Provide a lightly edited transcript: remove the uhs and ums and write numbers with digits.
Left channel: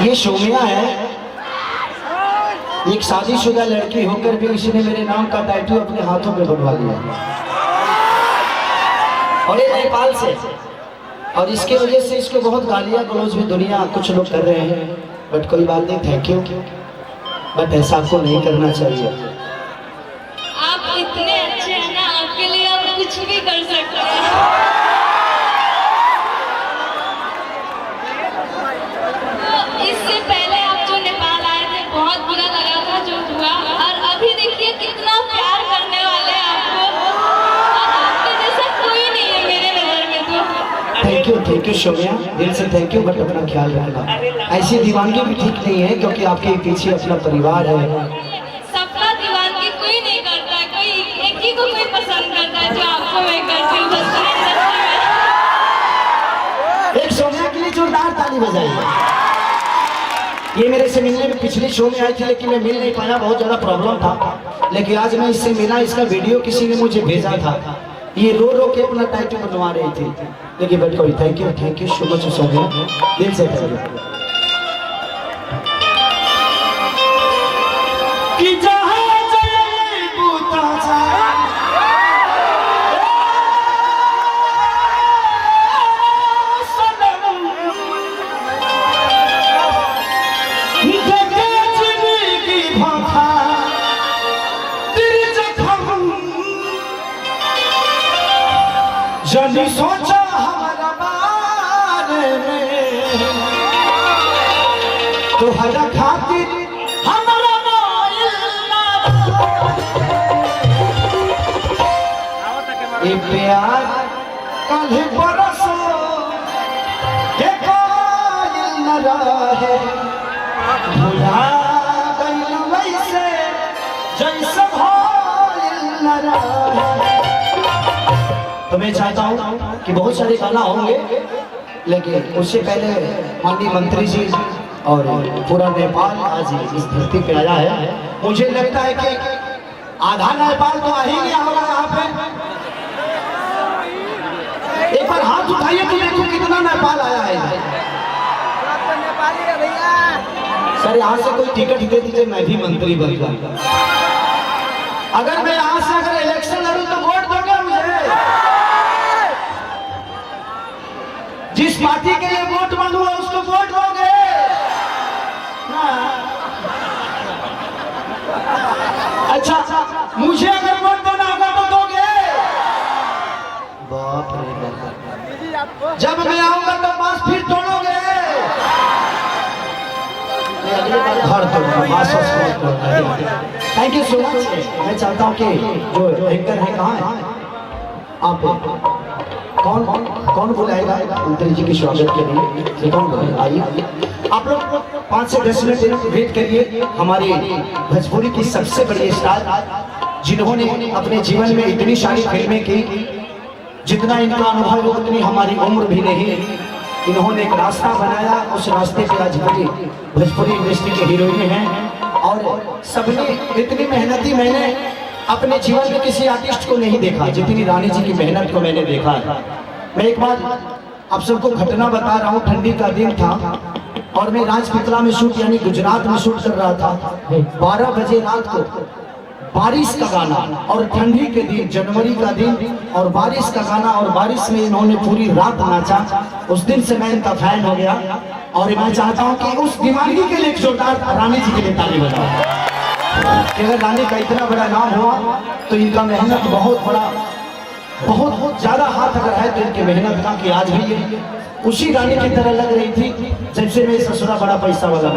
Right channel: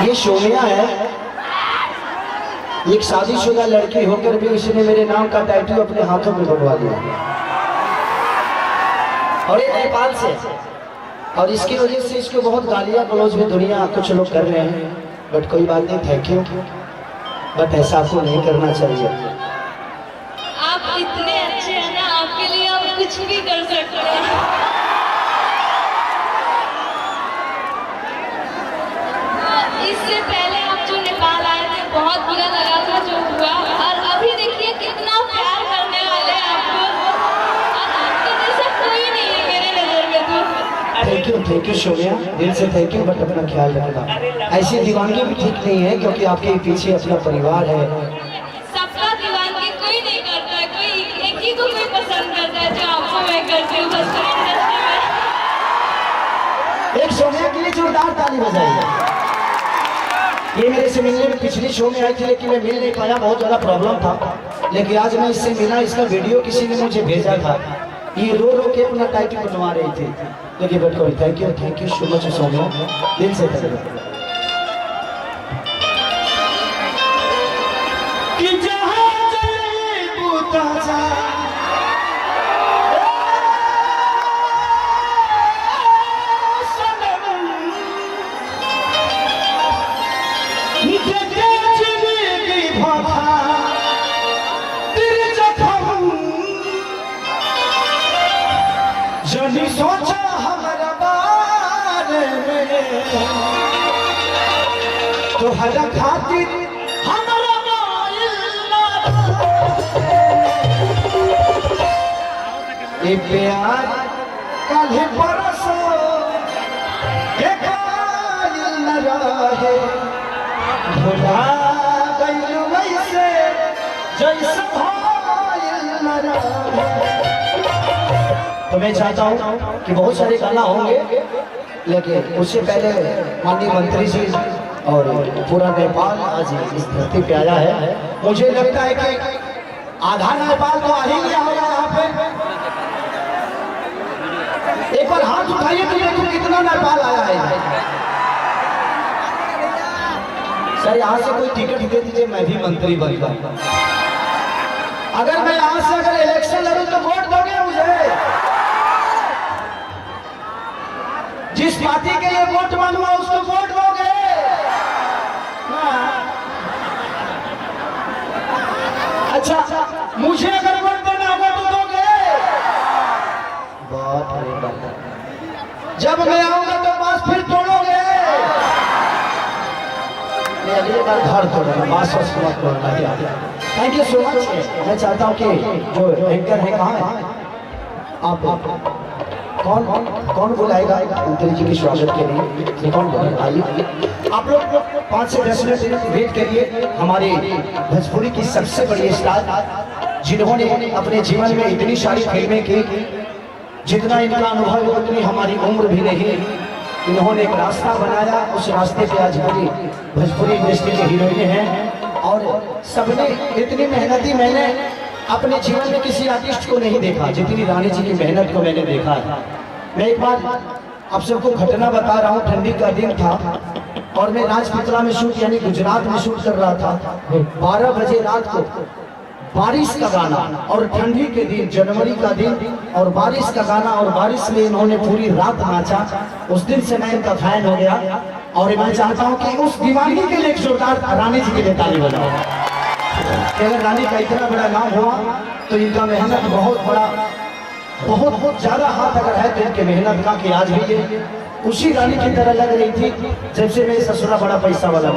ये सोमिया है, एक शादीशुदा लड़की होकर भी इसने मेरे नाम का टैटू अपने हाथों में बनवा लिया और ये नेपाल से, और इसकी वजह से इसको बहुत गालियां गलौज में दुनिया कुछ लोग कर रहे हैं। बट कोई बात नहीं, थैंक यू, बट ऐसा आपको नहीं करना चाहिए। आप इतने अच्छे हैं ना, आपके लिए आप कुछ भी कर सकते हैं। इससे पहले आप जो नेपाल आए थे बहुत बुरा लगा था जो हुआ, और अभी देखिए कितना प्यार करने वाले हैं आपको। आपके जैसा कोई नहीं है मेरे नजर में तो। थैंक यू सोमिया, दिल से थैंक यू, बट अपना ख्याल रखना। ऐसी दीवानगी भी ठीक नहीं है क्योंकि आपके पीछे अपना परिवार है। सबका दीवानगी कोई नहीं करता है, कोई एक ही को कोई पसंद करता है जो आपको मैं करती हूँ। एक सोमिया के लिए जोरदार ताली बजाइए। ये मेरे से मिलने में पिछली शो में आई थी लेकिन मैं मिल नहीं पाया, बहुत ज़्यादा प्रॉब्लम था। लेकिन आज मैं इससे मिला, इसका वीडियो किसी ने मुझे भेजा था। ये रो रो के अपना टाइटल बनवा रही थी। लेकिन बट कोई थैंक यू सो मच सोमिया, दिल से थैंक यू। जब सोचा हमारा बारे में तो हर खातिर हमारा ये प्यार कल बरसो न रहे भुला गइल वैसे जैसे भइल न रहे। तो मैं चाहता हूँ कि बहुत सारे गाना होंगे, लेकिन उससे पहले माननीय मंत्री जी और पूरा नेपाल आज इस धरती पे आया है। मुझे लगता है कि आधा नेपाल तो आ ही गया होगा यहाँ पे। एक बार हाथ उठाइए तो देखो कितना नेपाल आया है। सर यहाँ से कोई टिकट दे दीजिए, मैं भी मंत्री बन जाऊंगा। अगर मैं यहाँ से अगर इलेक्शन लड़ूं तो वोट दोगे मुझे? जिस पार्टी के लिए वोट मांगूंगा उसको वोट दोगे? अच्छा, मुझे अगर वोट देना होगा तो दोगे? बाप रे बाप, जब मैं आऊंगा तो बस फिर तोड़ोगे। Thank you so much. मैं चाहता हूँ कि जो एंकर है कहाँ है आप, कौन बुलाएगा मंत्री जी के स्वागत के लिए? कौन आइए आप लोग 5 से 10 मिनट वेट करिए। हमारे भोजपुरी की सबसे बड़ी स्टार जिन्होंने अपने जीवन में इतनी सारी फिल्में की, जितना इनका अनुभव उतनी हमारी उम्र भी नहीं। इन्होंने एक रास्ता बनाया, उस रास्ते पे आज बड़ी भोजपुरी इंडस्ट्री के हीरोइन हैं। और सबने इतनी मेहनती, मैंने अपने जीवन में किसी आर्टिस्ट को नहीं देखा जितनी रानी जी की मेहनत को मैंने देखा है। मैं एक बार आप सबको घटना बता रहा हूँ। ठंडी का दिन था और मैं राजपिपला में शूट यानी गुजरात में शूट कर रहा था। 12 बजे रात को बारिश का गाना और ठंडी के दिन, जनवरी का दिन और बारिश का गाना, और बारिश में इन्होंने पूरी रात नाचा। उस दिन से मैं इनका फैन हो गया और मैं चाहता हूँ कि उस दीवानगी के लिए जोरदार रानी जी के लिए ताली बजाओ। रानी का इतना बड़ा नाम हुआ तो इनका मेहनत बहुत बड़ा, बहुत ज्यादा हाथ अगर है तो इनके मेहनत का, कि आज भी उसी रानी की तरह लग रही थी जब से मैं ससुरा बड़ा पैसा वाला